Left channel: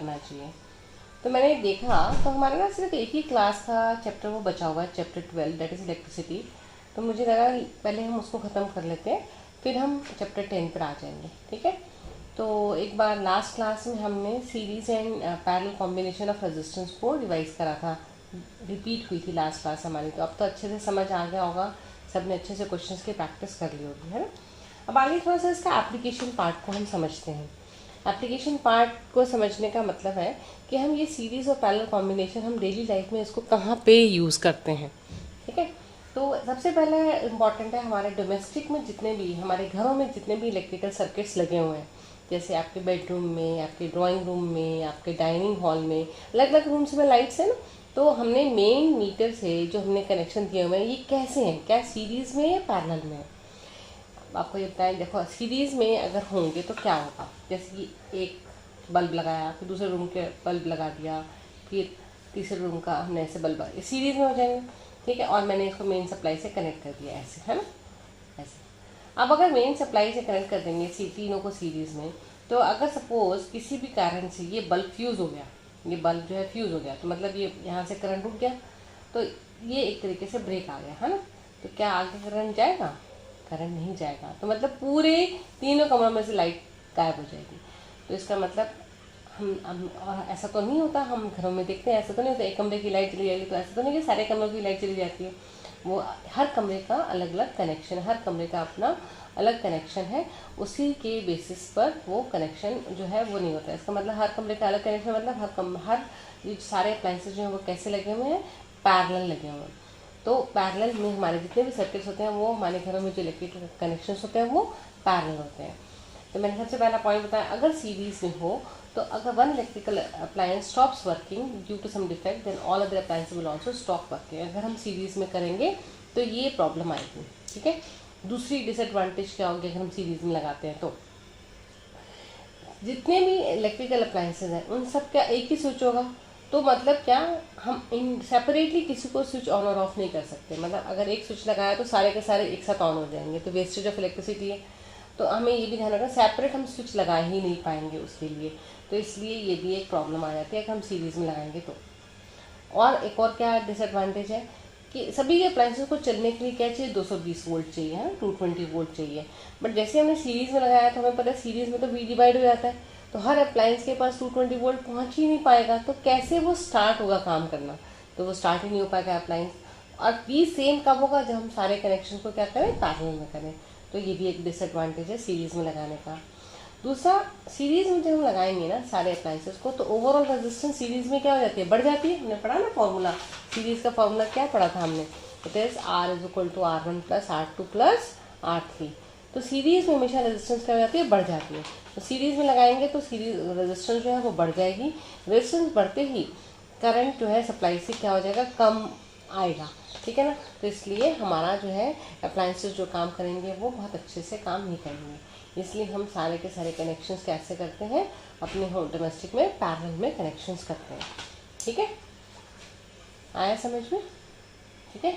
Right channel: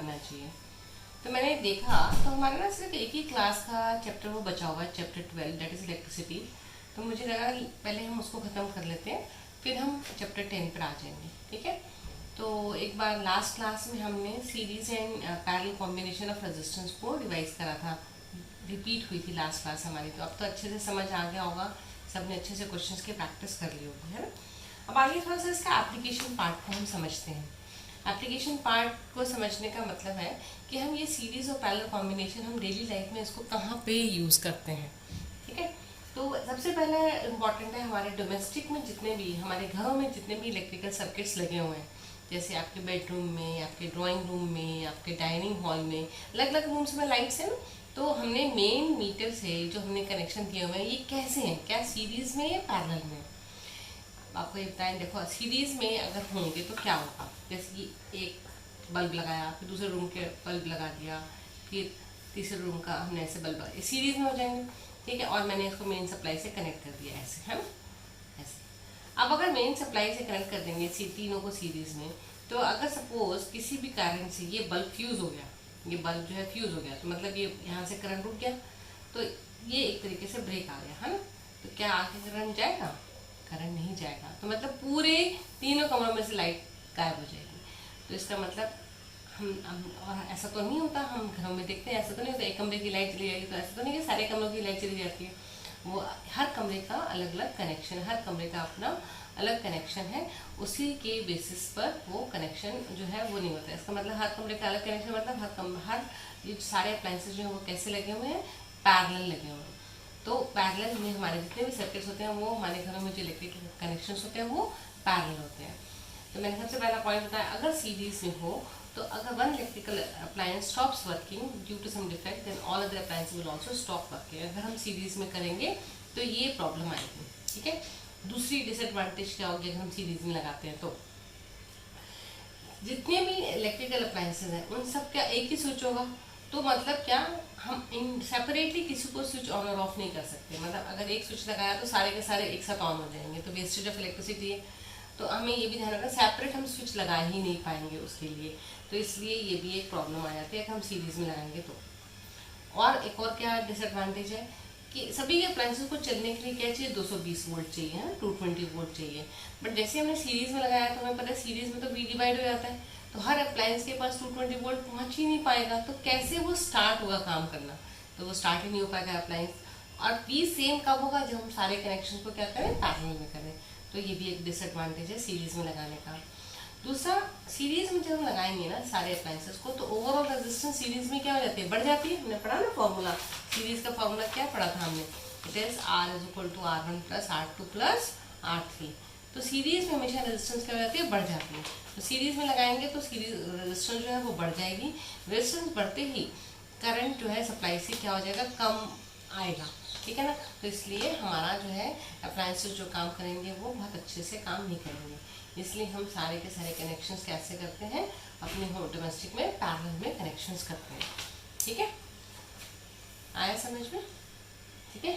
करना चाहिए। तो मैंने देखा तो हमारे ना सिर्फ एक ही क्लास का चैप्टर वो बचा हुआ है, चैप्टर 12 दैट इज़ इलेक्ट्रिसिटी। तो मुझे लगा पहले हम उसको ख़त्म कर लेते हैं, फिर हम चैप्टर 10 पर आ जाएंगे, ठीक है। तो एक बार लास्ट क्लास में हमने series and parallel combination of resistance को रिवाइज करा था, रिपीट हुई थी लास्ट क्लास हमारी। तो अब तो अच्छे से समझ आ गया होगा, सबने अच्छे से क्वेश्चंस की प्रैक्टिस कर ली होगी, है ना। अब आगे थोड़ा सा इसका एप्लीकेशन पार्ट को हम समझते हैं। एप्लीकेशन पार्ट को समझने का मतलब है कि हम ये सीरीज और पैरेलल कॉम्बिनेशन हम डेली लाइफ में इसको कहाँ पे यूज़ करते हैं, ठीक है। तो सबसे पहला इम्पॉर्टेंट है हमारे डोमेस्टिक में जितने भी हमारे घरों में जितने भी इलेक्ट्रिकल सर्किट्स लगे हुए हैं, जैसे आपके बेडरूम में, आपके ड्राइंग रूम में, आपके डाइनिंग हॉल में, अलग अलग रूम्स में लाइट्स हैं ना। तो हमने मेन मीटर से जो हमने कनेक्शन दिए हुए हैं ये कैसे हैं, क्या सीरीज में या पैरेलल में है। आपको ये बताएं, देखो सीरीज में अगर होंगे तो क्या होगा, जैसे कि एक बल्ब लगाया, फिर दूसरे रूम के बल्ब लगा दिया, फिर तीसरे रूम का हमने ऐसे बल्ब लगाया, सीरीज में हो जाएंगे, ठीक है। और मैंने इसको मेन सप्लाई से कनेक्ट कर दिया ऐसे, है ना, ऐसे। अब अगर मेन सप्लाई से कनेक्ट कर देंगे तीनों को सीरीज में, तो अगर सपोज किसी भी कारण से ये बल्ब फ्यूज़ हो गया, ये बल्ब जो है फ्यूज़ हो गया, तो मतलब ये यहाँ से करंट उठ गया, तो ये एक तरीके से ब्रेक आ गया, है ना। तो क्या आगे करंट जाएगा, करंट नहीं जाएगा। तो मतलब पूरे तीनों कमरों में से लाइट गायब हो जाएगी। तो इसका मतलब हम ऐसा तो नहीं होता, हम घरों में देखते हैं ऐसा तो नहीं होता एक कमरे की लाइट चली जाएगी, तो ऐसा तो नहीं कि सारे कमरों की लाइट चली जाती है। वो हर कमरे का अलग अलग कनेक्शन है, हर कमरे का अपना अलग कनेक्शन है, उसी के बेसिस पर वो कनेक्शन जो है वो नहीं होता है। इसका मतलब हर कमरे का अलग कनेक्शन, मतलब हर ये सारे अप्लाइंसेज जो है वो कैसे लगे हुए हैं, पैरेलल लगे हुए हैं। तो पैरेलल में हमारे जितने भी सर्किट्स होते हैं वो हमारे घरों में जो इलेक्ट्रिक कनेक्शन होते हैं वो पैरेलल होते हैं। तो मैंने सबसे पहला पॉइंट बताया, अगर सीरीज में हो तो अगर one electrical appliance stops working due to some defect then all other appliances will also stop working. अगर हम सीरीज में करेंगे तो ये प्रॉब्लम आएगी, ठीक है। दूसरी डिसएडवांटेज क्या होगी अगर हम सीरीज में लगाते हैं, तो जितने भी इलेक्ट्रिकल अप्लायंसेज हैं उन सब का एक ही स्विच होगा। तो मतलब क्या, हम इन सेपरेटली किसी को स्विच ऑन और ऑफ नहीं कर सकते। मतलब अगर एक स्विच लगाया तो सारे के सारे एक साथ ऑन हो जाएंगे, तो वेस्टेज ऑफ इलेक्ट्रिसिटी है। तो हमें ये भी ध्यान रखना, सेपरेट हम स्विच लगा ही नहीं पाएंगे उसके लिए। तो इसलिए ये भी एक प्रॉब्लम आ जाती है कि हम सीरीज में लगाएंगे तो। और एक और क्या डिसएडवांटेज है कि सभी के अप्लायंसेस को चलने के लिए क्या चाहिए, 220 वोल्ट चाहिए, है 220 वोल्ट चाहिए। बट जैसे हमने सीरीज में लगाया तो हमें पता है सीरीज में तो वी डिवाइड हो जाता है, तो हर अप्लायंस के पास 220 वोल्ट पहुंच ही नहीं पाएगा। तो कैसे वो स्टार्ट होगा काम करना, तो वो स्टार्ट ही नहीं हो पाएगा अप्लायंस। और भी सेम कब होगा, जब हम सारे कनेक्शन को क्या करें, पैरेलल में करें। तो ये भी एक डिसएडवांटेज है सीरीज में लगाने का। दूसरा, सीरीज में जब हम लगाएंगे ना सारे अप्लायंसेस को, तो ओवरऑल रेजिस्टेंस सीरीज में क्या हो जाती है, बढ़ जाती है। हमने पढ़ा ना फॉर्मूला, सीरीज का फॉर्मूला क्या पढ़ा था हमने, it is R is equal to R1 plus R2 plus R3। तो सीरीज में हमेशा रेजिस्टेंस क्या हो जाती है, बढ़ जाती है। तो सीरीज में लगाएंगे तो सीरीज रेजिस्टेंस जो है वो बढ़ जाएगी। रेजिस्टेंस बढ़ते ही करंट जो है सप्लाई से क्या हो जाएगा, कम आएगा, ठीक है ना। तो इसलिए हमारा जो है अप्लायंसेस जो काम करेंगे वो बहुत अच्छे से काम नहीं करेंगे। इसलिए हम सारे के सारे कनेक्शंस कैसे करते हैं, अपने होम डोमेस्टिक में पैरेलल में कनेक्शंस करते हैं, ठीक है। आया समझ में, ठीक है।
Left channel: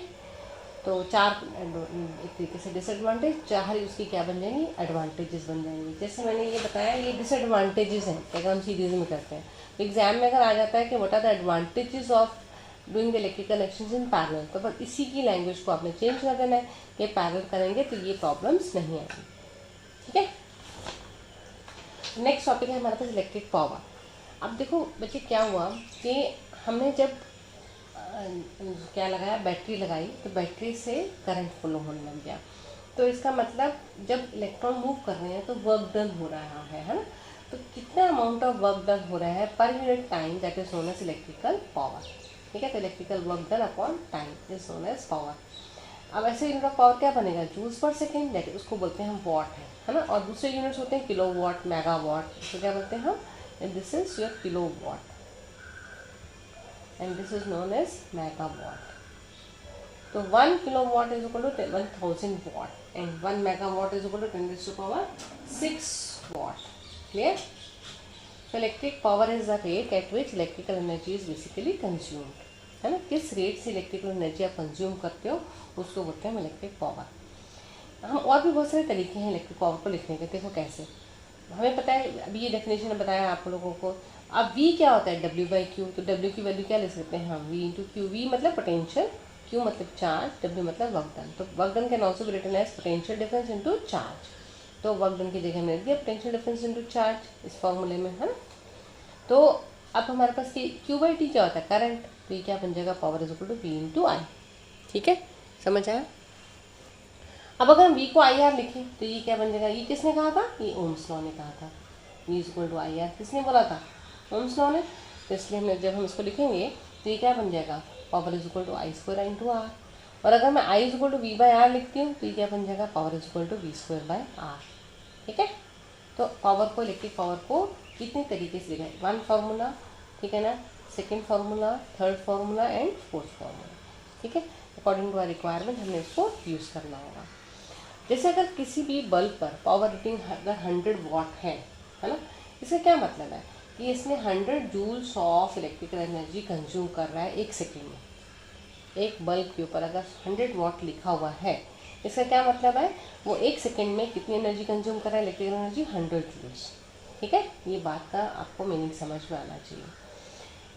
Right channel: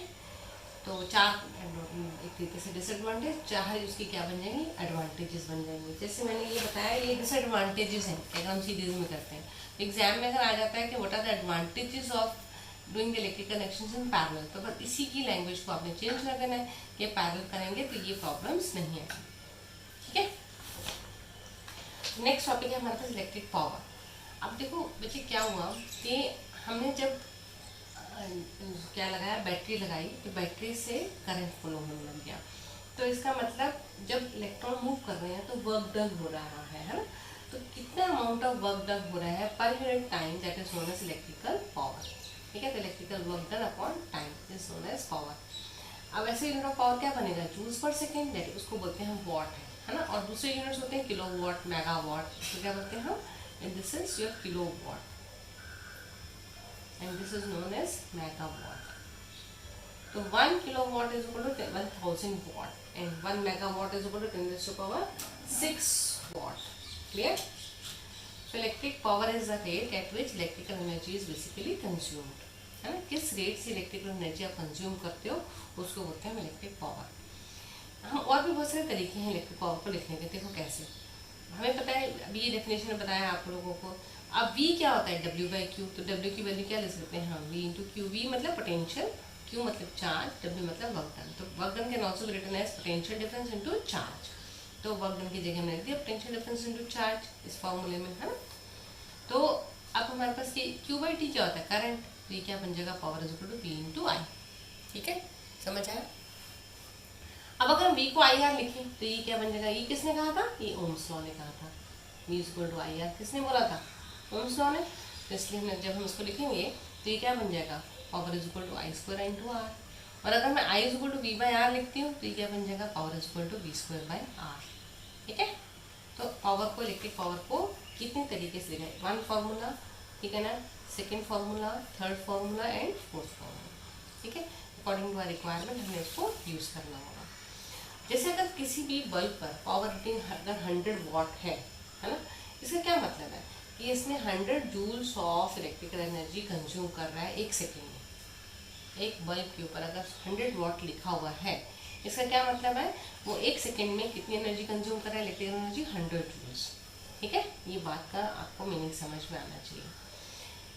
तो चार एक तरीके से डिसएडवांटेज, चार उसकी क्या बन जाएंगी, एडवांटेजेस बन जाएंगी। जैसे मैंने ये बताया ये डिसएडवांटेजेस हैं कि अगर हम सीरीज में करते हैं। एग्जाम में अगर आ जाता है कि what are the advantages of doing the electrical connections in parallel, तो बस इसी की लैंग्वेज को आपने चेंज कर देना है कि पैरेलल करेंगे तो ये प्रॉब्लम्स नहीं आएगी, ठीक है। नेक्स्ट टॉपिक है हमारे पास इलेक्ट्रिक पावर। अब देखो बच्चे क्या हुआ कि हमने जब क्या लगाया, बैटरी लगाई, तो बैटरी से करंट फ्लो होने लग गया। तो इसका मतलब जब इलेक्ट्रॉन मूव कर रहे हैं तो वर्क डन हो रहा है ना। तो कितना अमाउंट ऑफ वर्क डन हो रहा है पर unit time, that is known as electrical power, ठीक है। तो electrical work done upon time is known as power. अब ऐसे यूनिट ऑफ पावर क्या बनेगा, जूल्स पर सेकेंड, दैट उसको बोलते हैं हम वॉट, है ना। और दूसरे यूनिट्स होते हैं किलो वॉट, मेगा वॉट, इसको क्या बोलते हैं हम, and this is your kilo watt and this is known as mega watt. तो 1 kilowatt is equal to 1000 watt and 1 megawatt is equal to 10⁻⁶ watt. Clear. So electric power is the rate at which electrical energy is basically consumed, है ना। किस rate से electrical energy आप consume करते हो उसको बोलते हैं इलेक्ट्रिक पावर। हम और भी बहुत सारे तरीके हैं इलेक्ट्रिक पावर को लिखने के। देखो कैसे, हमें पता है, अभी ये डेफिनेशन बताया आप लोगों को। अब V क्या होता है, W बाई क्यू, तो W की वैल्यू क्या ले सकते हैं हम, V इंटू क्यू। V मतलब पोटेंशियल, Q मतलब चार्ज, W मतलब वर्क डन। तो work done can also be written as potential difference into charge. तो वर्क डन की जगह हमने लिख दिया पोटेंशियल डिफरेंस इंटू चार्ज इस फॉर्मूले में, है ना। तो अब हमारे पास Q बाई टी क्या होता है, करंट। तो ये क्या बन जाएगा, power is equal to P into I. ठीक है, समझ आया। अब अगर हम V को आई आर लिखें तो ये क्या बन जाएगा, ये किसने कहा था, ये ओम्स लॉ ने कहा था। V is equal to I R किसने बोला था, ओम्स लॉ ने। तो इसलिए हमने जब हम इसको लिखेंगे तो ये क्या बन जाएगा, power is equal to I square into R. और अगर मैं I is equal to V by R लिखती हूँ तो ये क्या बन जाएगा, power is equal to V square by R. ठीक है, तो पावर को, इलेक्ट्रिक पावर को कितने तरीके से लिखा है, वन फार्मूला, ठीक है ना, second formula, third formula and fourth formula. ठीक है, अकॉर्डिंग टू आर रिक्वायरमेंट हमें इसको यूज़ करना होगा। जैसे अगर किसी भी बल्ब पर पावर रेटिंग अगर 100 वाट है ना, इसका क्या मतलब है कि इसने 100 joules of electrical energy consume कर रहा है एक सेकेंड में। एक बल्ब के ऊपर अगर 100 वाट लिखा हुआ है, इसका क्या मतलब है, वो एक सेकेंड में कितनी एनर्जी कंज्यूम कर रहा है, इलेक्ट्रिकल एनर्जी 100 जूल्स। ठीक है, ये बात का आपको मीनिंग समझ में आना चाहिए।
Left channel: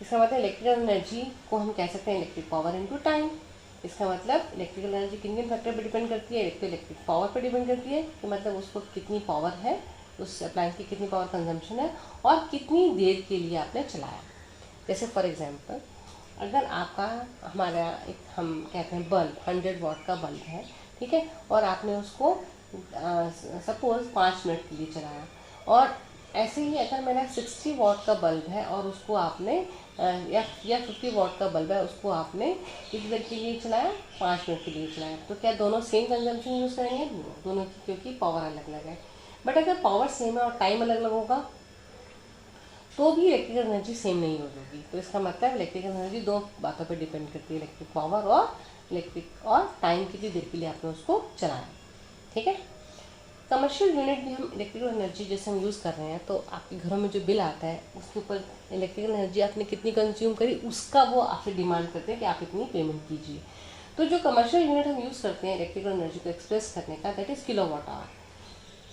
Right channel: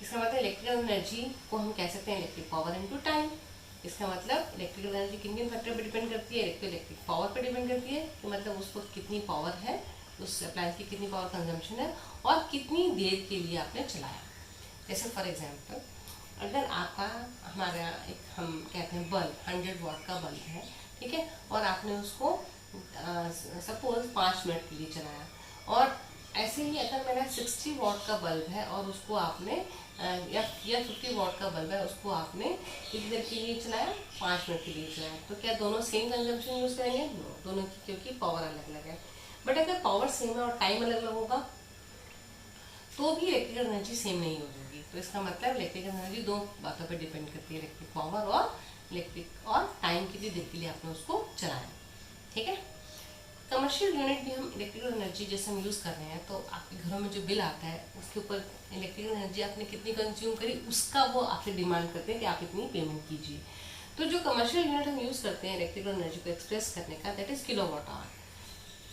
इसका मतलब इलेक्ट्रिकल एनर्जी को हम कह सकते हैं इलेक्ट्रिक पावर इनटू टाइम। इसका मतलब इलेक्ट्रिकल एनर्जी किन किन फैक्टर पर डिपेंड करती है, इलेक्ट्रिक पावर पर डिपेंड करती है कि मतलब उसको कितनी पावर है, उस अप्लायंस की कितनी पावर कंजम्पशन है और कितनी देर के लिए आपने चलाया। जैसे फॉर एग्जांपल अगर आपका हमारा एक हम कहते हैं बल्ब 100 वाट का बल्ब है, ठीक है, और आपने उसको सपोज 5 मिनट के लिए चलाया। और ऐसे ही अगर मेरा 60 वाट का बल्ब है और उसको आपने या 50 वाट का बल्ब है, उसको आपने कितनी देर के लिए चलाया, 5 मिनट के लिए चलाया, तो क्या दोनों सेम कंजम्पशन यूज़ करेंगे, दोनों की, क्योंकि पावर अलग अलग है। बट अगर पावर सेम है और टाइम अलग अलग होगा तो भी इलेक्ट्रिकल एनर्जी सेम नहीं होगी। तो इसका मतलब इलेक्ट्रिकल एनर्जी दो बातों पर डिपेंड करती है, इलेक्ट्रिक पावर और इलेक्ट्रिक और टाइम कितनी देर के लिए आपने उसको चलाया। ठीक है, कमर्शियल यूनिट भी हम इलेक्ट्रिकल एनर्जी जैसे हम यूज़ कर रहे हैं तो आपके घरों में जो बिल आता है उसके ऊपर इलेक्ट्रिकल एनर्जी आपने कितनी कंज्यूम करी उसका वो आपसे डिमांड करते हैं कि आप इतनी पेमेंट कीजिए। तो जो कमर्शियल यूनिट हम यूज़ करते हैं इलेक्ट्रिकल एनर्जी को एक्सप्रेस करने का, that is kilowatt hour.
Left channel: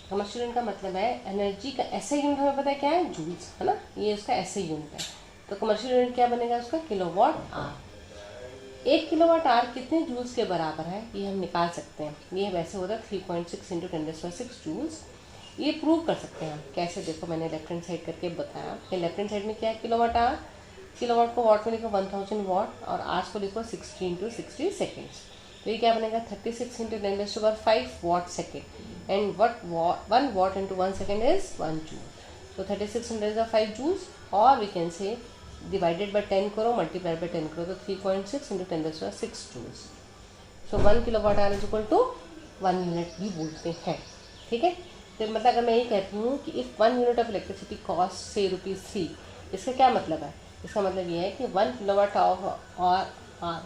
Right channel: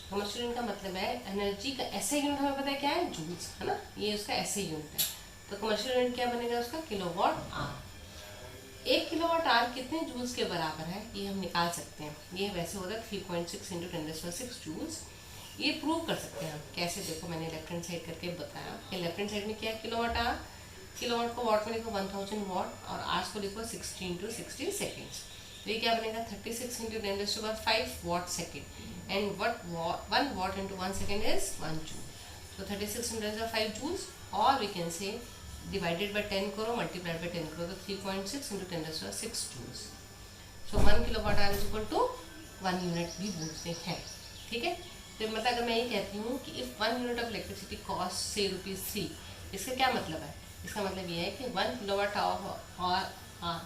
Commercial unit का मतलब है एनर्जी का ऐसे यूनिट हमें पता है क्या है, जूल्स, है ना, ये उसका ऐसे यूनिट है। तो कमर्शियल यूनिट क्या बनेगा उसका, किलोवाट आवर। 1 किलोवाट आवर कितने जूल्स के बराबर है ये हम निकाल सकते हैं। ये वैसे होता है 3.6 इंटू 10⁻6 जूल्स। ये प्रूव कर सकते हैं हम कैसे, देखो मैंने लेफ्ट हैंड साइड करके बताया कि लेफ्ट हैंड साइड में क्या है, किलोवाट आवर, किलोवाट को वाट में लिखो 1000 वाट और आवर्स को लिखो 60 इंटू 60 सेकेंड्स। तो ये क्या बनेगा 36 into 10⁻5 watt second and one watt into 1 second is 1 joule. तो 36 इंटू 10⁵ जूल्स और we can say divided by 10 करो मल्टीप्लाइड बाय 10 करो तो 3.6 into 10⁻6 joules. So 1 kilowatt hour is equal to 1 unit भी बोलते हैं। ठीक है, तो मतलब अगर मैं ये कहती हूँ कि if 1 unit of electricity cost से ₹3, इसका क्या मतलब है, इसका मतलब ये है कि 1 किलोवाट और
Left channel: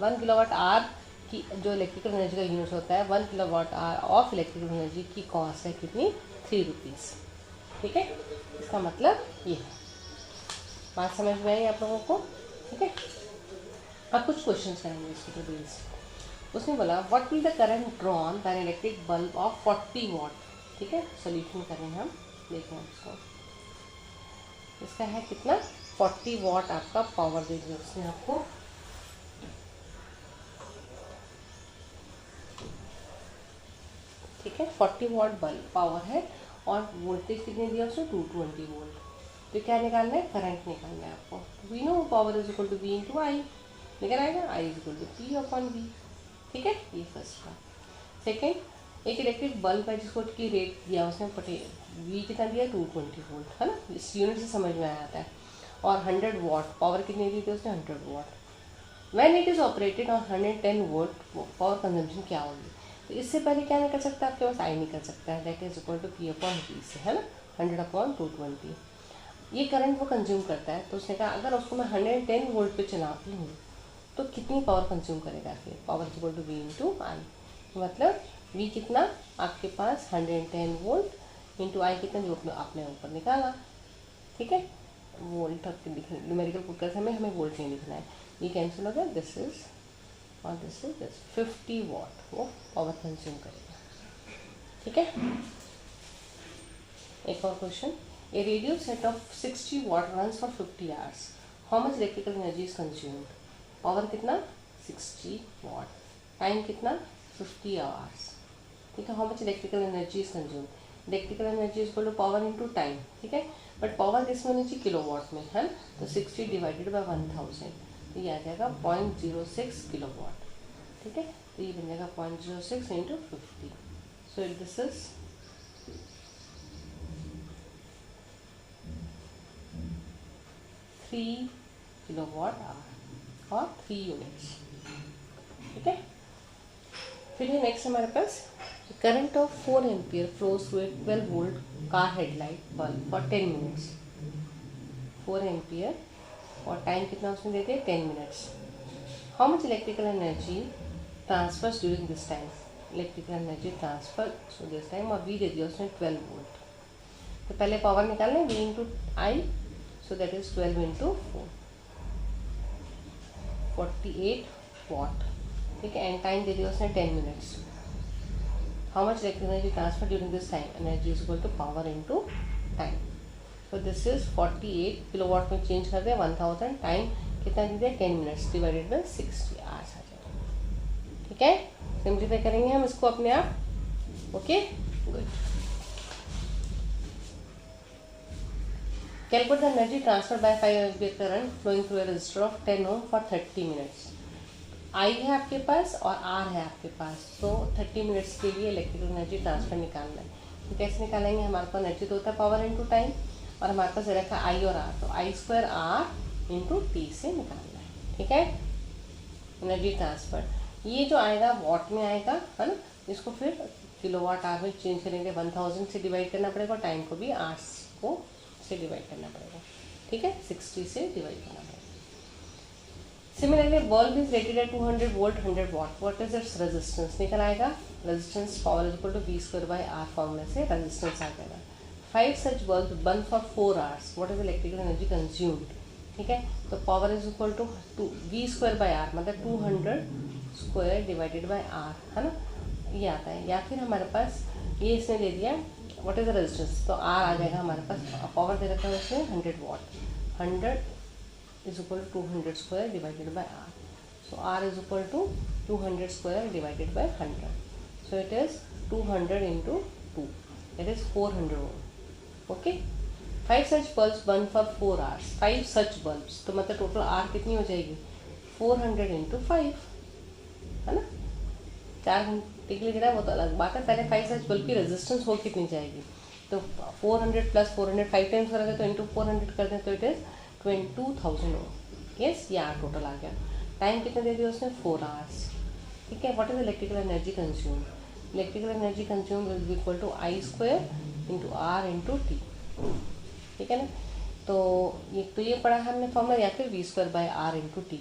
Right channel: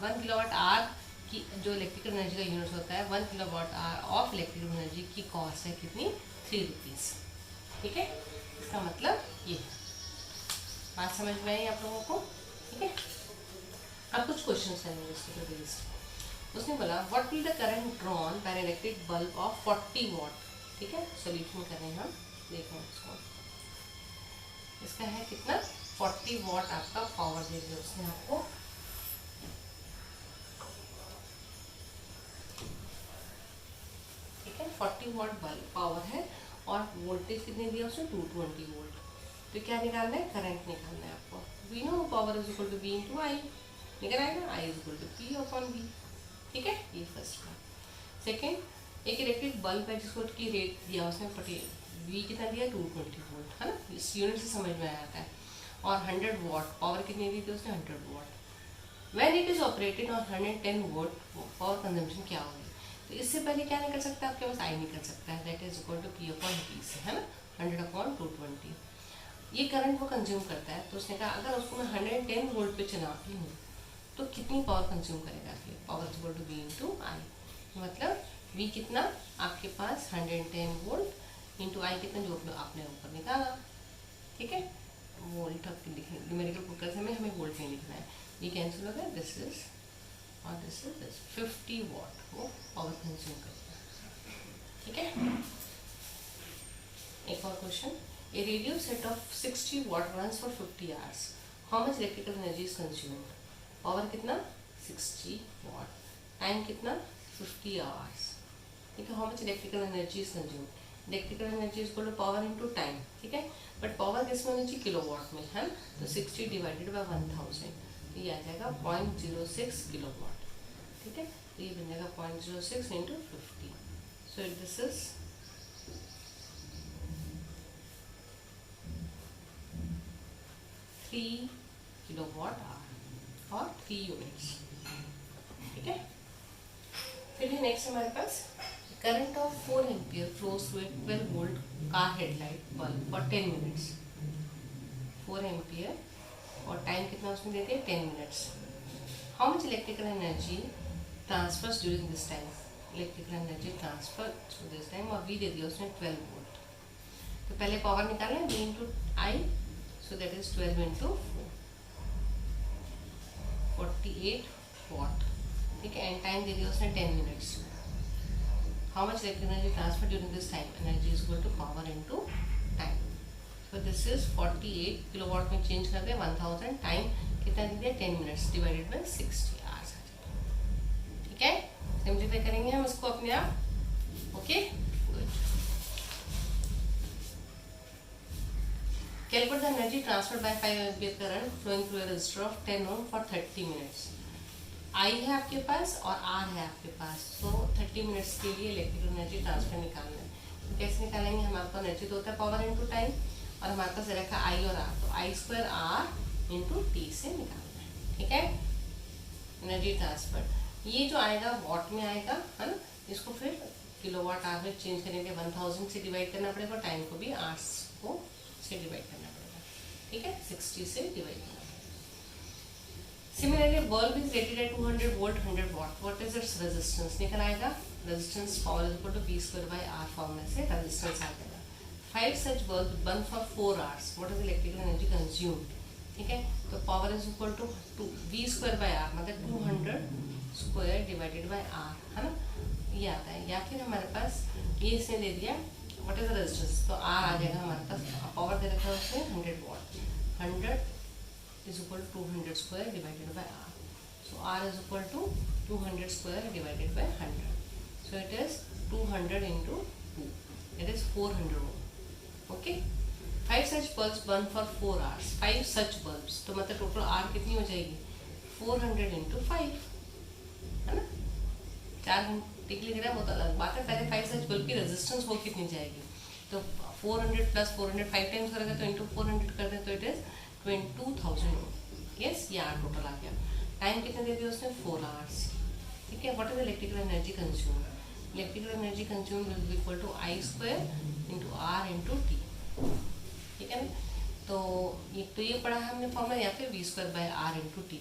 1 किलोवाट आवर की जो इलेक्ट्रिकल एनर्जी का यूनिट होता है, 1 kilowatt hour of electrical energy की कॉस्ट है कितनी, ₹3। ठीक है, इसका मतलब ये है। बात समझ में आई आप लोगों को। ठीक है, अब कुछ क्वेश्चन करेंगे इसके बेस्ड। उसने बोला what will the current drawn by an electric bulb of 40 वाट। ठीक है, सोल्यूशन करें हम, देखें उसको। इसका है कितना, 40 वाट आपका पावर दे दिया उसने आपको। ठीक है, 40 वाट बल्ब पावर है और वोल्टेज कितने दिया उसने, 220 वोल्ट। तो क्या निकालना है, करंट निकालना है आपको। We know power is equal to V into I, निकल आएगा, I is equal to P upon V. ठीक है, ये फर्स्ट का। सेकेंड, एक इलेक्ट्रिक बल्ब है जिसको की रेट दिया उसने वी कितना दिया, 220 वोल्ट, है ना, इस यूनिट से समझ में आ जाता है। और 100 वाट पावर कितनी दी थी उसने, 100 watt. When it is operated on 110 volt power consumption क्या होगी। तो इससे पहले क्या निकल सकता है आपके पास, आई निकल सकता है, that is equal to P upon V से, है ना, 100 अपॉन 220। ये करंट वो कंज्यूम करता है। तो उसने कहा अगर उसको मैं 110 वोल्ट पे चलाती हूँ तो कितनी पावर कंज्यूम करेगा, फिर power equal to V into I. मतलब वी कितना आपके पास 110 वोल्ट इंटू आई कितना जो आपने ऊपर निकाला। ठीक है, वोल्ट न्यूमेरिकल पुट करते समय हमें वोल्ट नहीं लिखना है, वी कैंसिल हो गया, दिस इज और दिस इज दिस 50 वाट वो पावर कंज्यूम करेगा। ठीक है, एक और question. A radio set of 60 watt runs for 50 hours. How much electrical energy is consumed? Power कितना 60 watt, टाइम कितना 50 hours. ठीक है, how much electrical energy is consume. Electrical energy is equal to power into time. ठीक है, but power किस में होनी चाहिए, किलोवाट में है. तो 60 डिवाइडेड बाय 1000, तो ये आ जाएगा 0.06 किलोवाट. ठीक है, तो ये बन जाएगा 0.06 into 50. So this is 3 kilowatt hour और 3 यूनिट्स. ठीक है, फिर है नेक्स्ट हमारे पास current of 4 ampere flows through a 12 volt car headlight bulb for 10 minutes. 4 ampere और टाइम कितना उसने दे दिया 10 minutes. How much electrical energy transfers during this time. Electrical energy transfer this time और वी दे दिया उसने 12 वोल्ट. तो पहले पावर निकालना है, V into I, so that is 12 into 4, 48 watt. ठीक है, एंड टाइम दे दिया उसने 10 minutes. How much electric energy transfer during this time. Energy is equal to power into time. So this is 48 kilowatt में change कर दिया 1000. Time कितना दे दिया 10 मिनट्स डिवाइडेड बाय 60 आवर्स आ जाएगा. ठीक है, सिंपलीफाई करेंगे हम इसको अपने आप. Okay, good. Calculate the energy transfer by 5 ampere current flowing through a resistor of 10 ohm for 30 minutes. I है आपके पास और आर है आपके पास. तो 30 मिनट्स के लिए इलेक्ट्रिकल एनर्जी ट्रांसफर निकालना है. तो कैसे निकालेंगे, हमारे पास एनर्जी तो होता है पावर इनटू टाइम और हमारे पास रखा आई और आर. तो I square R into T से निकालना है. ठीक है, एनर्जी ट्रांसफर ये जो आएगा वॉट में आएगा, है ना. इसको फिर किलोवाट आवर में चेंज करेंगे. 1000 से डिवाइड करना पड़ेगा और टाइम को भी आवर्स को से डिवाइड करना पड़ेगा. ठीक है, 60 से डिवाइड करना पड़ेगा. Similarly, bulb is rated at 200 volt, 100 watt. What is its resistance? निकल आएगा resistance power is equal to V square by R फॉर्मूले से resistance आ जाएगा. 5 such bulbs burn for 4 hours. What is electrical energy consumed? ठीक है, तो power is equal to V square by R, मतलब 200 square divided by R, है ना. ये आता है. या फिर हमारे पास ये इसने दे दिया what is the resistance, तो R आ जाएगा हमारे पास. पावर दे रखा है उसने 100 watt. 100 is equal to 200 square divided by R. So R is equal to 200 square divided by 100. So it is 200 into 2. That is 400 ohm. Okay. 5 such bulbs burn for 4 hours. 5 such bulbs. तो मतलब total R कितनी हो जाएगी 400 into 5, है ना. 4 घंटे के लिए गिरा वो तो अलग बात है. पहले 5 such bulb की रेजिस्टेंस वो कितनी जाएगी. तो 400 प्लस 400 5 टाइम्स करेंगे तो इंटू 400 कर दें तो इट इज 22,000 ओम. यस, ये आर टोटल आ गया. टाइम कितना दे दिया उसने 4 आवर्स. ठीक है, what is electrical energy consume. Electrical energy consume will be equal to I square into R into T. ठीक है ना. तो ये पढ़ा है हमने फॉर्मूला, या फिर V square by R into T.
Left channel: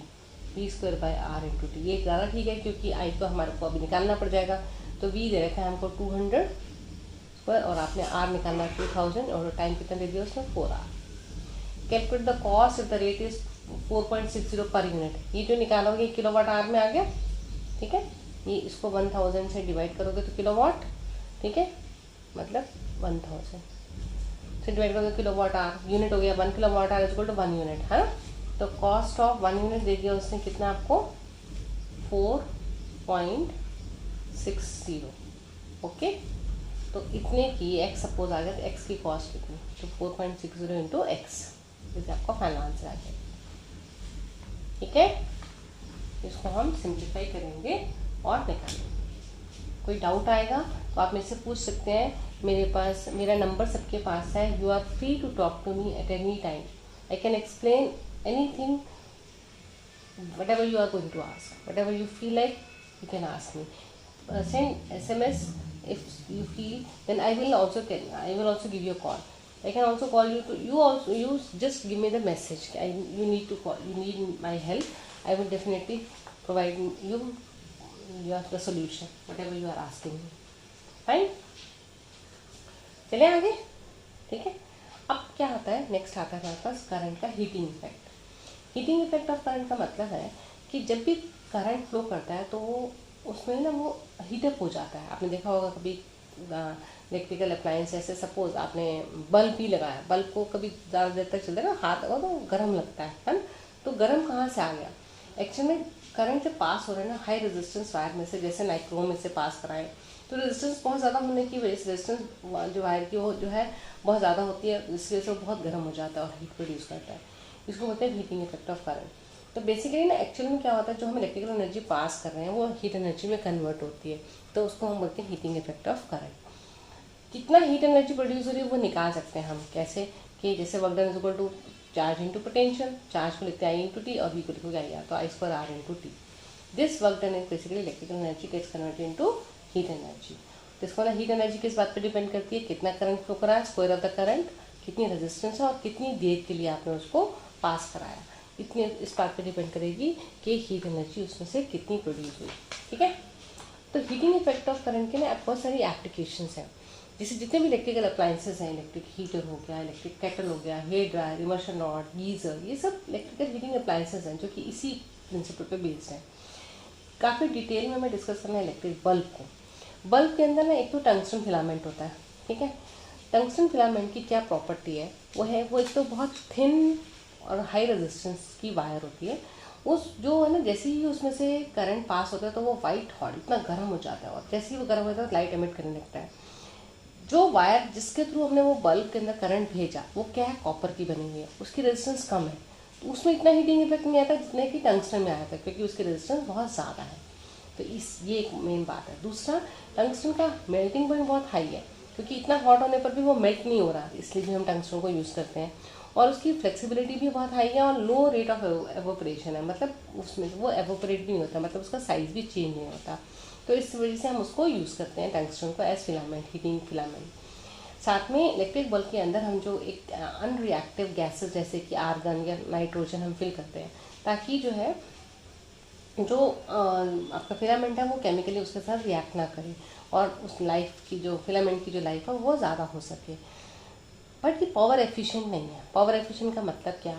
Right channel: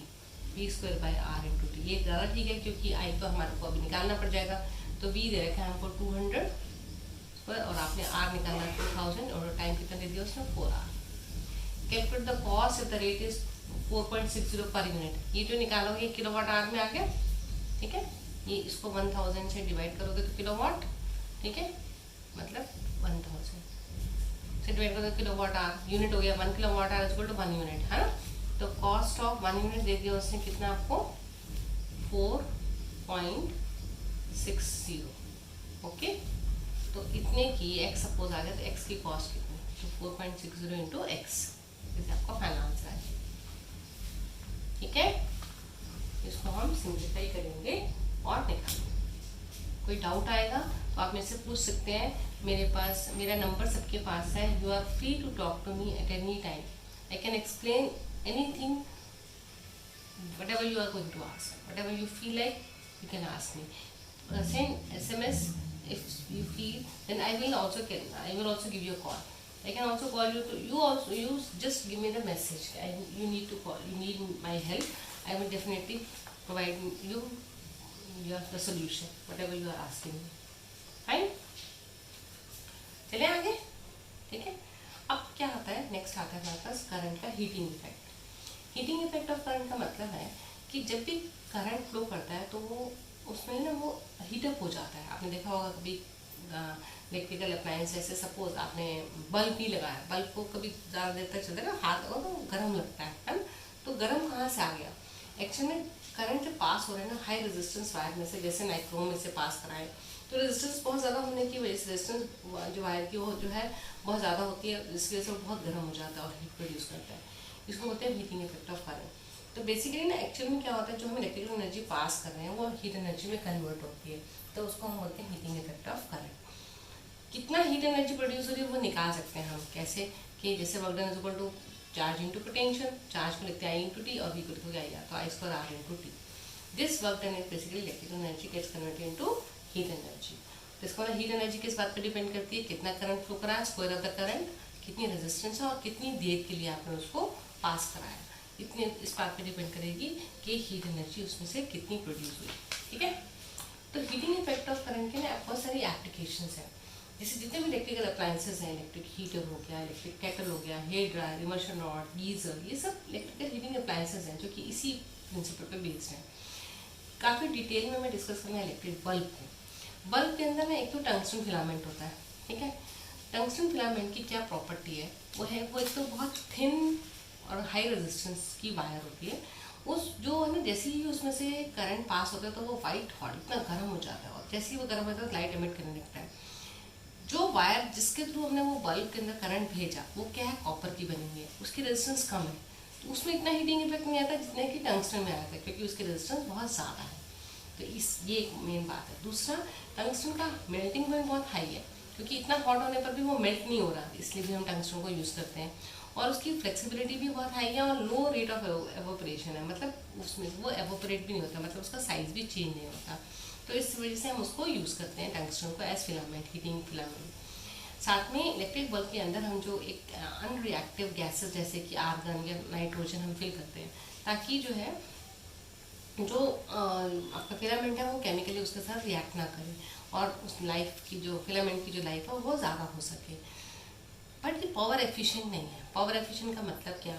V square by R into T ये ज़्यादा ठीक है क्योंकि आई तो हमारे को अभी निकालना पड़ जाएगा. तो वी दे रखा है हमको 200 स्क्वायर और आपने आर निकालना 2000 और टाइम कितना दे दिया उसमें 4 hour. Calculate the cost if the rate is 4.60 per unit. ये जो निकालोगे किलोवाट आवर में आ गया. ठीक है, ये इसको 1000 से डिवाइड करोगे तो किलोवाट. ठीक है, मतलब 1000 से डिवाइड करोगे किलोवाट आवर. यूनिट हो गया 1 kilowatt hour equal to 1 unit, है ना. तो कॉस्ट ऑफ 1 यूनिट दे दिया उसने कितना आपको 4.60. ओके, तो इतने की एक्स सपोज आ गया तो एक्स की कॉस्ट कितनी, तो 4.60 इंटू एक्स, जैसे आपका फाइनल आंसर आ जाएगा. ठीक है, इसको हम सिंप्लीफाई करेंगे और निकालेंगे. कोई डाउट आएगा तो आप मेरे से पूछ सकते हैं. मेरा नंबर सबके पास है. You are free to talk to me at any time. I can explain anything, whatever you are going to ask, whatever you feel like, you can ask me. Send SMS if you feel. Then I will also give you a call. I can also call you to you just give me the message. You need to call. You need my help. I will definitely provide you have the solution whatever you are asking me. Fine. चलिए आगे. ठीक है, अब क्या आता है, next आता है हमारे पास करंट का heating effect. Heating effect of current का मतलब है कि जब भी करंट फ्लो करता है तो वो उसमें ना वो हीटअप हो जाता है. आपने देखा होगा कभी इलेक्ट्रिकल अप्लायंस जैसे सपोज आपने बल्ब भी लगाया, बल्ब को कभी ज़्यादा देर तक चलता है ना, हाथ लगा तो गर्म लगता है ना। तो गर्म कहाँ से आ गया? एक्चुअली में करंट से पास हो रहे हैं ना हाई रेजिस्टेंस वायर में से, जैसे नाइक्रोम में से पास कराएं, तो रेजिस्टेंस बहुत ज़्यादा होने की वजह से रेजिस्टेंस जो वायर की वो जो है बहुत ज़्यादा होती है, जिसकी वजह से वो बहुत गर्म हो जाता है और हीट प्रोड्यूस करता है। इसको बोलते हैं हीटिंग इफेक्ट ऑफ करंट। तो बेसिकली ना एक्चुअल में क्या होता है, जो हम इलेक्ट्रिकल एनर्जी पास कर रहे हैं वो हीट एनर्जी में कन्वर्ट होती है, तो उसको हम बोलते हैं हीटिंग इफेक्ट ऑफ करंट। कितना हीट एनर्जी प्रोड्यूस हो रही है वो निकाल सकते हैं हम कैसे, कि जैसे work done is equal to charge into potential, charge को लिखते हैं आई इंटू टी और वी को लिखोगे आई आर, तो I square R into T. This work done is basically electrical energy gets converted into heat energy. तो इसका मतलब हीट एनर्जी किस बात पर डिपेंड करती है, कितना करंट फ्लो करा है, स्क्वायर ऑफ द करंट, कितनी रेजिस्टेंस है और कितनी देर के लिए आपने उसको पास कराया, इतनी इस बात पे डिपेंड करेगी कि हीट एनर्जी उसमें से कितनी प्रोड्यूस हुई। ठीक है, तो हीटिंग इफेक्ट ऑफ करंट के ना बहुत सारी एप्लीकेशंस हैं। जैसे जितने भी इलेक्ट्रिकल अप्लायंसेस हैं, इलेक्ट्रिक हीटर हो गया, इलेक्ट्रिक केटल हो गया, hair dryer, immersion rod, geyser, ये सब इलेक्ट्रिकल हीटिंग अप्लायंसेस हैं जो कि इसी प्रिंसिपल पे बेस्ड हैं। काफ़ी डिटेल में मैं डिस्कस करना है इलेक्ट्रिक बल्ब को। बल्ब के अंदर ना एक तो टंगस्टन फिलामेंट होता है, ठीक है। टंगस्टन फिलामेंट की क्या प्रॉपर्टी है, वो एक तो बहुत थिन और हाई रेजिस्टेंस की वायर होती है। उस जो है ना, जैसे ही उसमें से करंट पास होता है तो वो वाइट हॉट इतना गर्म हो जाता है, और जैसे ही वो गर्म होता है लाइट एमिट करने लगता है। जो वायर जिसके थ्रू हमने वो बल्ब के अंदर करंट भेजा वो क्या है, कॉपर की बनी हुई है, उसकी रेजिस्टेंस कम है, तो उसमें इतना हीटिंग इफेक्ट नहीं आता जितने कि टंगस्टन में आया था, क्योंकि उसकी रेजिस्टेंस बहुत ज़्यादा है। तो ये एक मेन बात है। दूसरा, टंगस्टन का मेल्टिंग पॉइंट बहुत हाई है, क्योंकि इतना हॉट होने पर भी वो मेल्ट नहीं हो रहा, इसलिए भी हम टंगस्टन को यूज़ करते हैं। और उसकी फ्लेक्सिबिलिटी भी बहुत हाई है और लो रेट ऑफ एवोपरेशन है, मतलब उसमें वो एवोपरेट भी नहीं होता, मतलब उसका साइज भी चेंज नहीं होता। तो इस वजह से हम उसको यूज़ करते हैं टंगस्टन को एज फिलामेंट, हीटिंग फिलामेंट। साथ में इलेक्ट्रिक बल्ब के अंदर हम जो एक अनरिएक्टिव गैसेस जैसे कि आर्गन या नाइट्रोजन हम फिल करते हैं, ताकि जो है जो आपका फिलामेंट है वो केमिकली उसके साथ रिएक्ट ना करे और उस लाइफ की जो फिलामेंट की जो लाइफ है वो ज़्यादा हो सके। बट ये पावर एफिशिएंट नहीं है। पावर एफिशिएंट का मतलब क्या,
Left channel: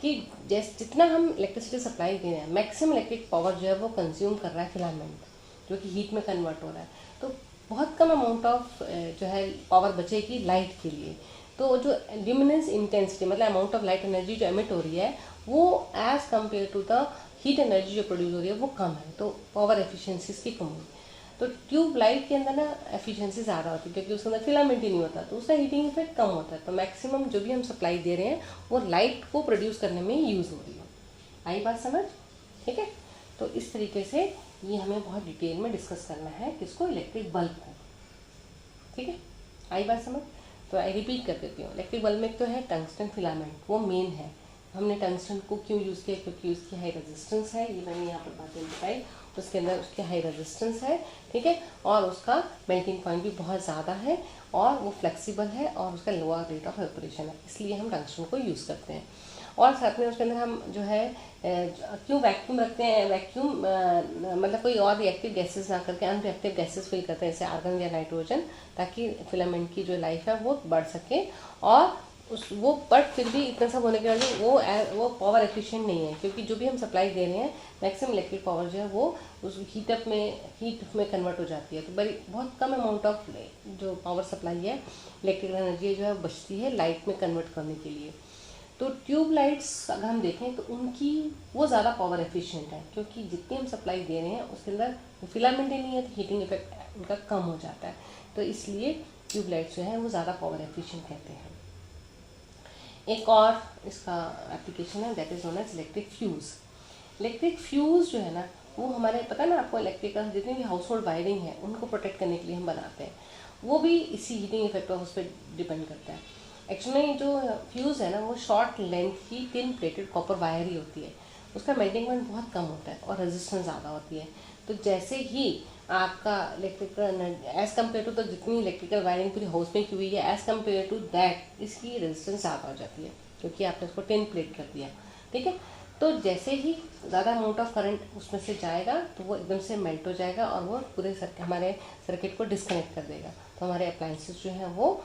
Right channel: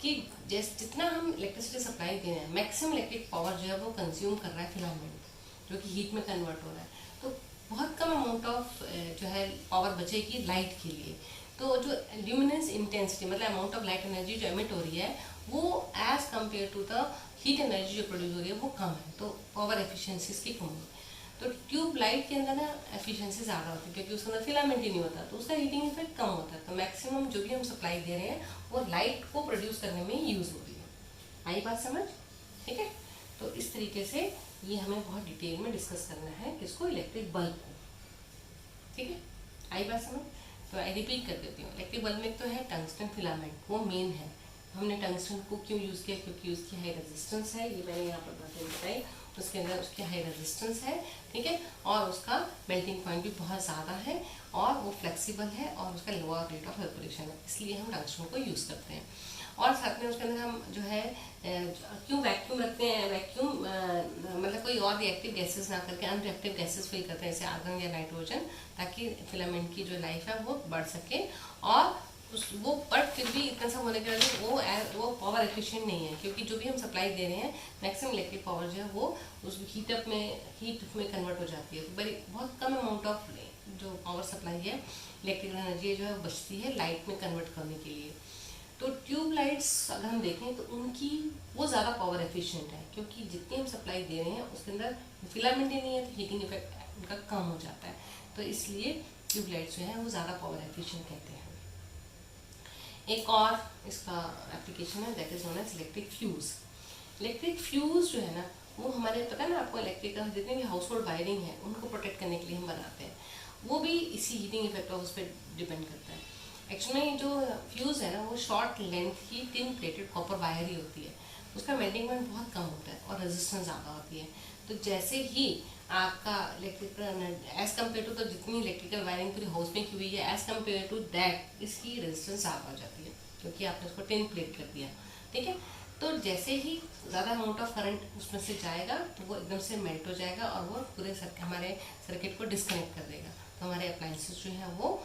कि जैसे जितना हम इलेक्ट्रिसिटी सप्लाई दे रहे हैं, मैक्सिमम इलेक्ट्रिक पावर जो है वो कंज्यूम कर रहा है फिलामेंट, जो कि हीट में कन्वर्ट हो रहा है। तो बहुत कम अमाउंट ऑफ जो है पावर बचेगी लाइट के लिए। तो जो ल्यूमिनेंस इंटेंसिटी मतलब अमाउंट ऑफ लाइट एनर्जी जो एमिट हो रही है वो as compare to the heat energy जो प्रोड्यूस हो रही है वो कम है, तो पावर एफिशिएंसी की कमी। तो ट्यूब लाइट के अंदर ना एफिशिएंसी ज़्यादा होती है, क्योंकि उसके अंदर फिलामेंट ही नहीं होता, तो उसका हीटिंग इफेक्ट कम होता है। तो मैक्सिमम जो भी हम सप्लाई दे रहे हैं वो लाइट को प्रोड्यूस करने में यूज़ हो रही है। आई बात समझ? ठीक है, तो इस तरीके से ये हमें बहुत डिटेल में डिस्कस करना है, किसको, इलेक्ट्रिक बल्ब को। ठीक है, आई बात समझ? तो आई रिपीट कर देती हूँ। इलेक्ट्रिक बल्ब में तो है टंगस्टन फिलामेंट, वो मेन है। हमने टंगस्टन को क्यों यूज़ किया, क्योंकि उसकी हाई रेजिस्टेंस है, ये मैंने यहाँ पर बातें बताई, उसके अंदर उसकी हाई रेजिस्टेंस है, ठीक है, और उसका मेल्टिंग पॉइंट भी बहुत ज़्यादा है और वो फ्लेक्सिबल है और उसका लोअर रेट ऑफ ऑपरेशन है, इसलिए हम टंगस्टन को यूज़ करते हैं। और साथ में उसके अंदर हम जो है क्यों वैक्यूम रखते हैं, वैक्यूम मतलब कोई और रिएक्टिव गैसेस ना करके अनरिएक्टिव गैसेस फिल करते हैं, जैसे आर्गन या नाइट्रोजन, ताकि फिलामेंट की जो लाइफ है वो बढ़ सके। और वो बट फिर भी इतना सब होने के बाद वो पावर एफिशिएंट नहीं है, क्योंकि जो भी हम सप्लाई दे रहे हैं मैक्सिमम इलेक्ट्रिक पावर जो है वो उस हीट में कन्वर्ट हो जाती है। तो बड़ी बहुत कम अमाउंट ऑफ जो पावर सप्लाई है, इलेक्ट्रिकल एनर्जी जो है बचती है लाइट में कन्वर्ट करने के लिए। तो ट्यूब लाइट्स अगर हम देखें तो उनकी वो ज़्यादा पावर एफिशिएंट है, क्योंकि जितनी हम सप्लाई दे रहे हैं उसके अंदर फिलामेंट ही नहीं है, तो हीटिंग इफेक्ट उनका कम हो जाता है। तो इसलिए ट्यूब लाइट्स जो है वो ज़्यादा पावर एफिशिएंट कहते हैं। एक और इसका एप्लीकेशन है, that is known as electric fuse. Electric fuse जो है ना, वो हमारे पता है ना आपको, इलेक्ट्रिकल जितनी भी हाउस होल्ड वायरिंग है उनको प्रोटेक्ट करने के लिए हम बनाते हैं, वो भी इसी हीटिंग इफेक्ट उस पर डिपेंड करता है। एक्चुअली जो फ्यूज़ है ना वो शॉर्ट लेंथ की टिन प्लेटेड कॉपर वायर ही होती है, उसका मेल्टिंग पॉइंट बहुत कम होता है और रेजिस्टेंस ज़्यादा होती है। तो जैसे ही आपका इलेक्ट्रिकल एज कम्पेयर टू, तो जितनी इलेक्ट्रिकल वायरिंग पूरी हाउस में की हुई है एज कम्पेयर टू दैट इसकी रेजिस्टेंस ज़्यादा हो जाती है, क्योंकि आपने उसको टिन प्लेट कर दिया। ठीक है, तो जैसे ही ज़्यादा अमाउंट ऑफ करंट उसमें से जाएगा तो वो एकदम से मेल्ट हो जाएगा और वो पूरे हमारे सर्किट को डिस्कनेक्ट कर देगा, तो हमारे अप्लायंसेस जो हैं वो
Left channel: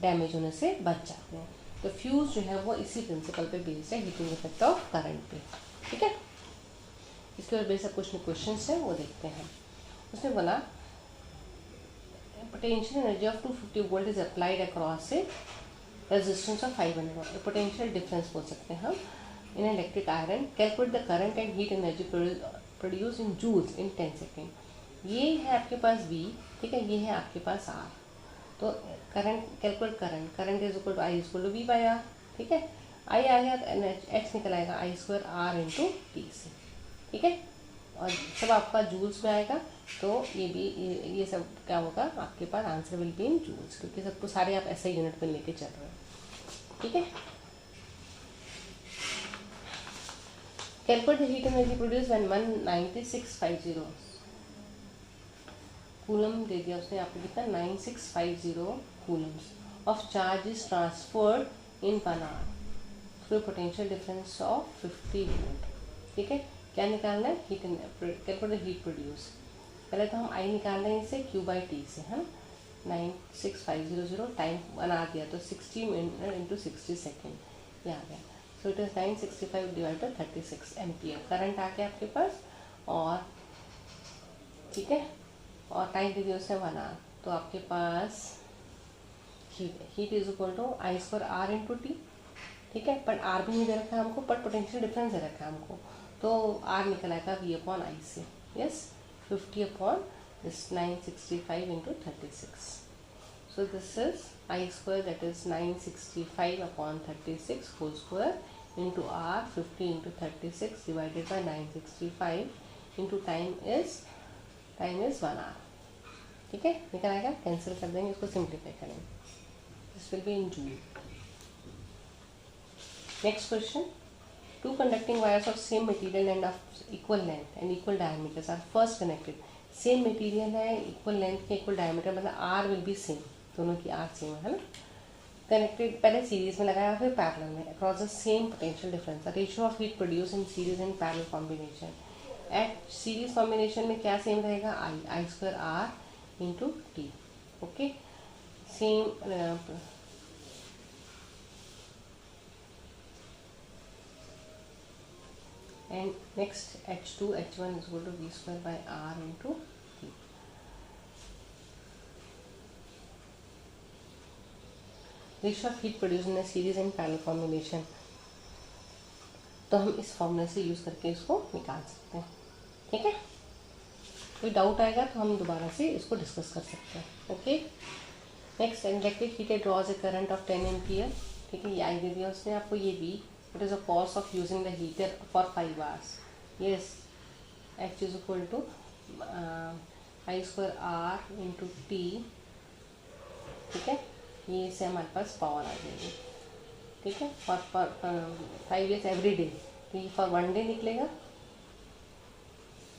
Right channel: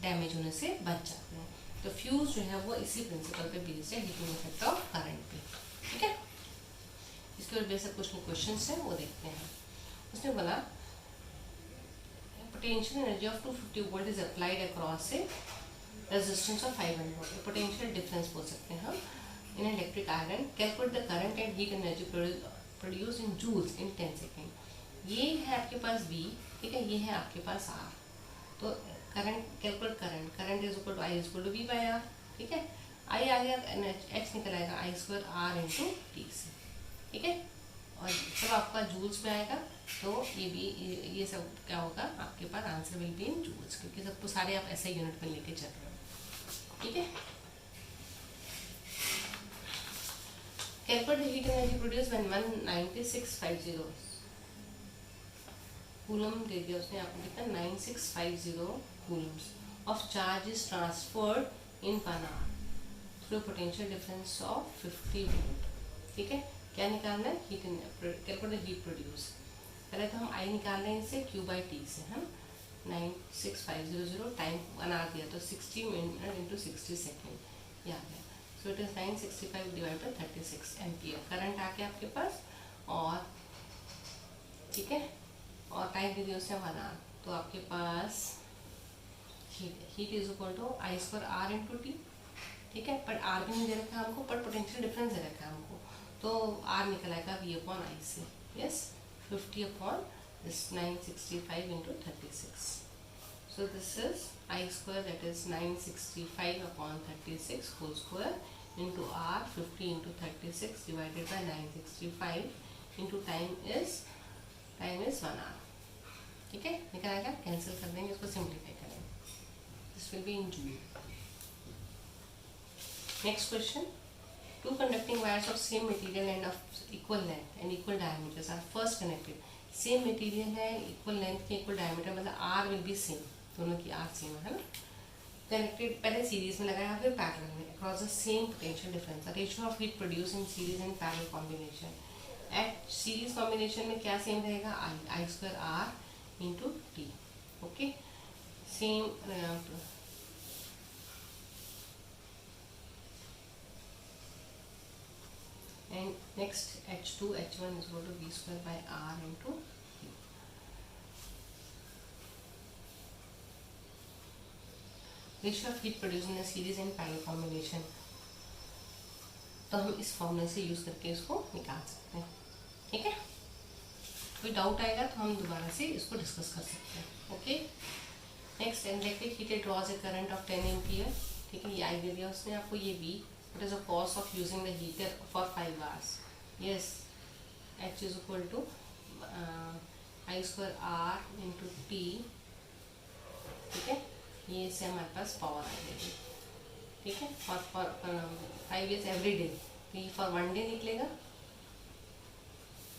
डैमेज होने से बच जाते हैं। तो फ्यूज़ जो है वो इसी प्रिंसिपल पे बेस्ड है, हीटिंग इफेक्ट ऑफ करंट पे। ठीक है, इसके और बेसिक कुछ क्वेश्चन है वो देखते हैं। उसने बोला potential energy of 250 volt is applied across a resistance of 500 watt. Potential difference बोल सकते हैं हम in electric iron. Calculate the current and heat energy produce in joules in 10 second. ये है आपके पास V, ठीक है, ये है आपके पास R. तो current calculate current is equal to I is equal to V by R. ठीक है, आई आ गया, एच निकल आएगा I square R into T से. ठीक है, और जब आपका जूल्स में आएगा तो ये भी ये सब क्या होगा आपके पास, answer will be in joules, क्योंकि सबको सारे आप ऐसे यूनिट पर लेके चल रहे हो. ठीक है, calculate heat energy produce when 19650 coulomb दे दिया उसने आपको कितना 9650 coulombs of charge is transferred in 1 hour through potential difference of 50 volt. ठीक है, क्या निकालना है, हीट कैलकुलेट हीट प्रोड्यूस. पहले तो हम आई निकाल रहे हैं इसे क्यू बाई टी से. हम 96500 टाइम 1 आवर दिया तो 60 मिनट इंटू 60 सेकेंड ये आ गया. So it is 965 divide by 36 ampere. Current आ गया आपके पास. और ठीक है, और टाइम दे दिया उसने 1 आवर. तो आपके पास heat is equal to I square R into T. ठीक है, पर आर भी नहीं दे रखा है हमको, पर पोटेंशियल डिफरेंस दे रखा है हमको. तो आर निकल आएगा वी अपॉन आई से. Yes, 50 upon this 965 into 36. So this is I square that is 965 upon 36 whole square into R 50 into 36 divided by 965 into time is 1 hour. ठीक है, निकल आएगा, कैंसिल कर देंगे, इसको सिंप्लीफाई करेंगे. This will be in joule. Next question. Two conducting wires of same material and of equal length and equal diameters are first connected. Same material है, equal length के equal diameter, मतलब R will be same, दोनों की R same है ना. Connected पहले series में लगाया फिर पैरेलल में across the same potential difference. The ratio of heat produced in series and parallel combination. At series combination में क्या same रहेगा, I square R into T. Okay, same and next H2 H1 is equal to V square by R into T. Ratio of heat produced in a series and parallel combination. तो हम इस फॉर्मूले से use करके इसको निकाल सकते हैं. ठीक है, कोई डाउट आएगा तो हम दोबारा से इसको डिस्कस कर सकते हैं. Okay, next electric heater draws a current of 10 ampere. ठीक है, ये आई दे दिया उसने आपको, ये V. It is a cost of using the heater for 5 hours. Yes, H is equal to I square R into T. ठीक है, ये से हमारे पास पावर आ जाएगी. ठीक है, फॉर 5 years एवरी डे. तो ये फॉर 1 डे निकलेगा.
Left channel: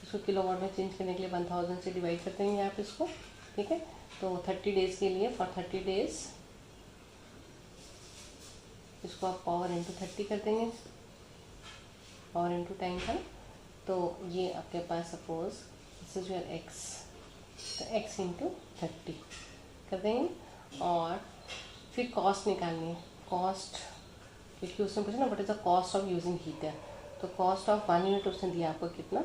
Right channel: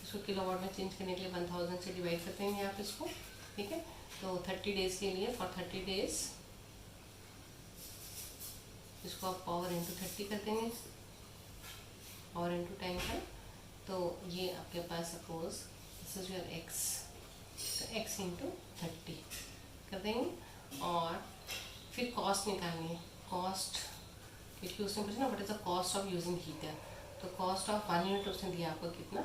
इसको किलोवाट में चेंज करने के लिए 1000 से डिवाइड कर देंगे आप इसको. ठीक है, तो 30 डेज के लिए फॉर 30 डेज इसको आप पावर इंटू 30 कर देंगे, पावर इंटू टाइम का. तो ये आपके पास suppose this is your X, तो एक्स इंटू 30 कर देंगे. और फिर कॉस्ट निकालनी है. कॉस्ट क्योंकि उसने पूछा ना what is the cost of using heater. तो कॉस्ट ऑफ 1 यूनिट उसने दिया आपको कितना,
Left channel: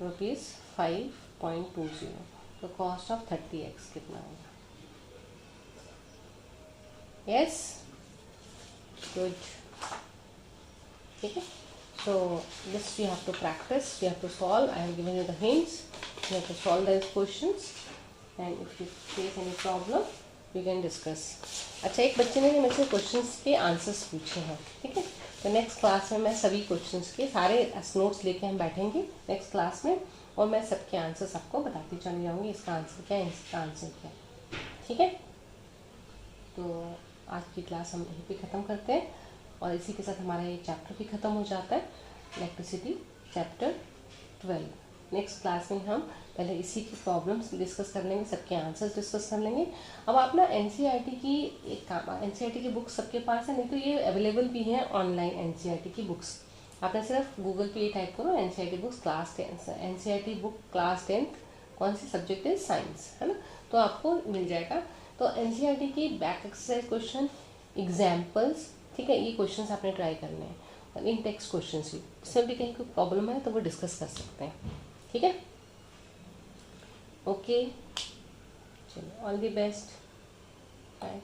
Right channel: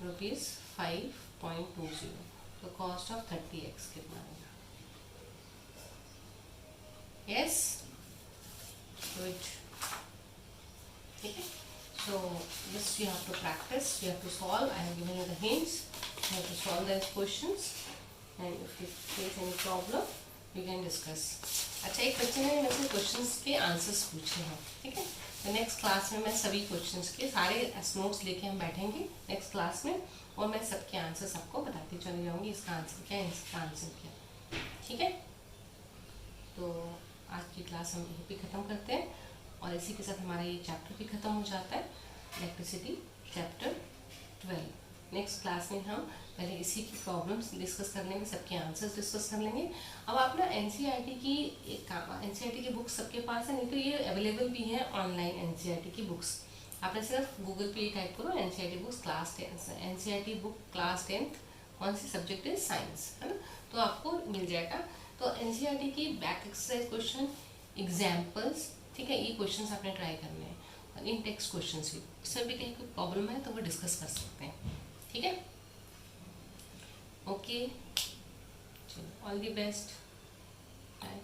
₹5.20. तो कॉस्ट ऑफ 30x कितना होगा. Yes, good. ठीक है, so this you have to practice, you have to solve. I have given you the hints, you have to solve those questions and if you face any problem you can discuss. अच्छा, एक बच्चे ने मेरे से questions के answers पूछे हैं. ठीक है, तो नेक्स्ट क्लास में मैं सभी क्वेश्चंस के सारे नोट्स लेके हम बैठेंगे नेक्स्ट क्लास में, और मैं सबके आंसर्स आपको बताती चली जाऊँगी. इसका आंसर क्या है, इसका आंसर क्या है. ठीक है, तो आज की क्लास हम यहीं पे ख़त्म करते हैं, और इसी के साथ हमारा ये चैप्टर भी ख़त्म हो जाता है, इलेक्ट्रिसिटी चैप्टर 12. नेक्स्ट क्लास में हम पहले इसी की प्रॉब्लम्स डिस्कस कर लेंगे, सबके आंसर्स डिस्कस कर लेंगे. अब आप ना एनसीईआरटी की एनसीईआरटी की बुक्स सबके पास है, नहीं तो ये अवेलेबल भी है ऑनलाइन. एनसीईआरटी की बुक्स आपने सिर्फ गूगल पे टाइप करो NCERT books class 10, NCERT book class 10 कौन सी सब्जेक्ट है, साइंस है ना, तो आपको मिल जाएगा. तो एनसीईआरटी की बैक एक्सरसाइज क्वेश्चन, एग्जाम्पल्स, ठीक है, ये क्वेश्चंस आपने ट्राई करने हैं. और इन टेक्स्ट क्वेश्चंस भी, इसमें भी कहीं कोई प्रॉब्लम है तो वो डिस्कस कर सकते हैं. ठीक है, ओके, चलो ऑल दी बेस्ट। बाय।